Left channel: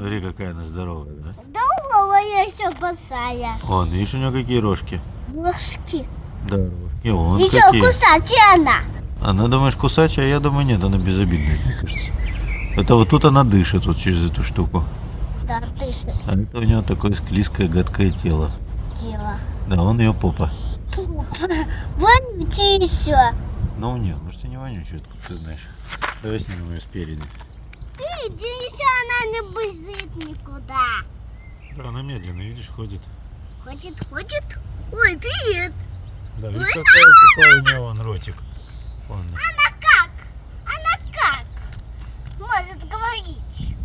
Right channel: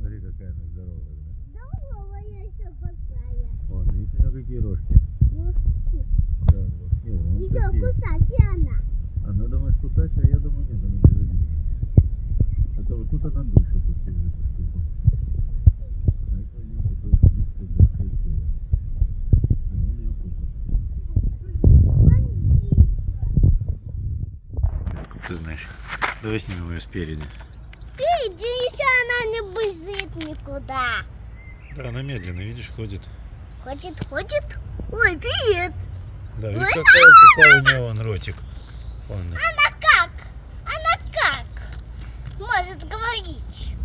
Смотри, какая она здоровая, да? Здоровая еще босая. Вон, видишь, у нее какие рожки? Ложки. Да, рожки. Вон Еще какие. кусачая она. Она, думаешь, кусачая, а я думаю, нет, она безобидная, мне кажется. Это вот тут она дышит вот через эту штуку. Да, дышит А это у нее такое склизкое, гадкое тело. дело. Да, он ее попа. Вонючий еще. Ну нет, может и не вонючая, откуда ты знаешь. Давай снимем ее спереди. Иди, еще она не бежит никуда. Да, она медленно, видишь, ходит. Ходит. Ой, привет. Да, Ой, видишь, какой у нее вон ротик. Вон. Она как? Может говорить.